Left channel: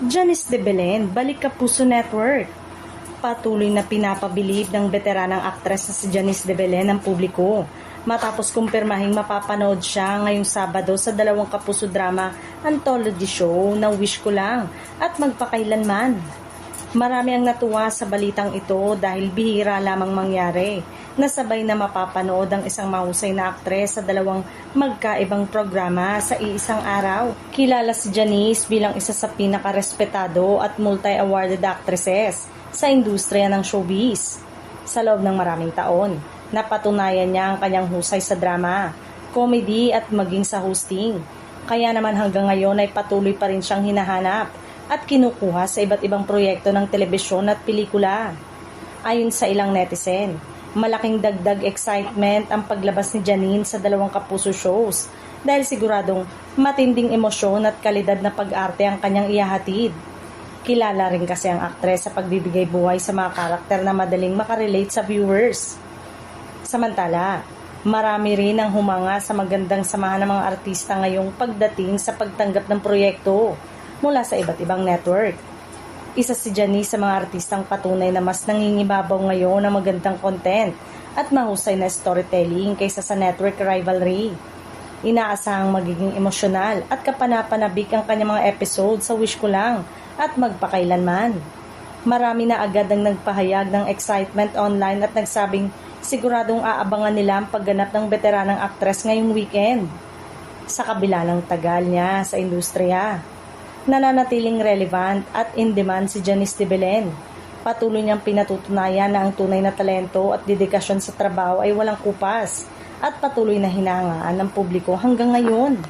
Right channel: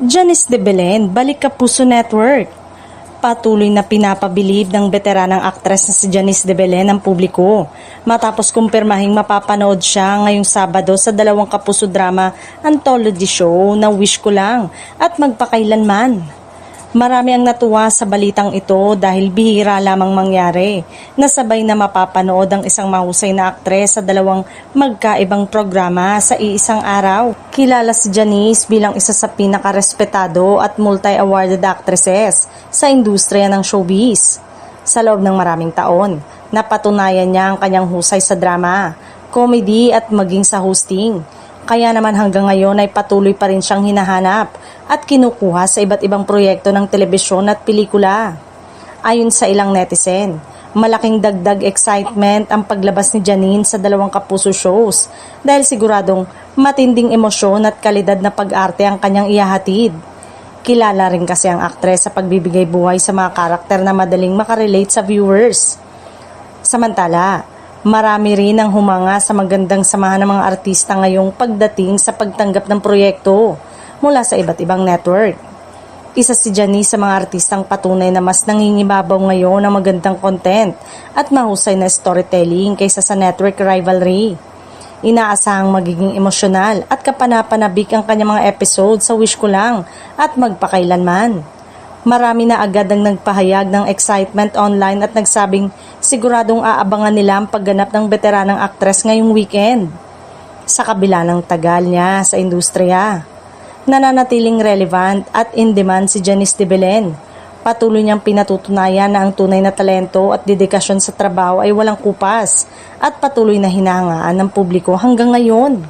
Janice de Belen, Balik Kapuso Network. Patuloy na pinapabilib ng veteranang aktres na si Janice de Belen ang publiko matapos kumpirmahing mapapanood siya ngayong Sabado sa 2 kapuso drama anthology show na Wish Ko Lang at Magpakailanman. Marami ang natuwa sa balitang ito dahil bihira lamang mangyari na sabay na mapapanood ang isang mahusay na aktres sa 2 magkaibang programa sa iisang araw. Kilala si Janice bilang isa sa pinakarespetado at multi-awarded actresses sa industriya ng showbiz. Sa loob ng maraming taon, napatunayan niya ang kanyang husay sa drama, comedy at maging sa hosting. Kaya naman hanggang ngayon ay patuloy pa rin siyang hinahanap at kinukuha sa iba't ibang proyekto ng telebisyon at pelikula. Ayon sa ilang netizen, malaking dagdag excitement ang paglabas ni Janine sa 2 kapuso shows dahil siguradong matinding emosyon at kalidad na pag-arte ang kanyang ihahatid. Kilala rin kasi ang aktres sa pagbibigay buhay sa mga karakter na madaling makarelate sa viewers. Samantala, marami rin ang humanga sa magandang samahan ng mga artista ngayong pagdating sa pagtanggap ng proyekto mula sa iba't ibang network. Isa si Janice sa mga artistang patunay na mas nangingibabaw ngayon ng magandang content at mahusay na storytelling kaysa sa network rivalry. Inaasahang magiging emosyonal at kapanapanabik ang kanyang mga episode sa Wish Ko Lang at Magpakailanman. Marami na agad ang nagpahayag ng excitement online at nagsabing siguradong aabangan nila ang pagganap ng veteranang aktres ngayong weekend. Sa kabila ng tagal niya sa industriya, nananatiling relevant at in-demand si Janice de Belen. Patuloy niyang pinatutunayan na ang tunay na talento at dedikasyon sa trabaho ay walang kupas at patuloy na hinahangaan ng publiko hanggang ngayon.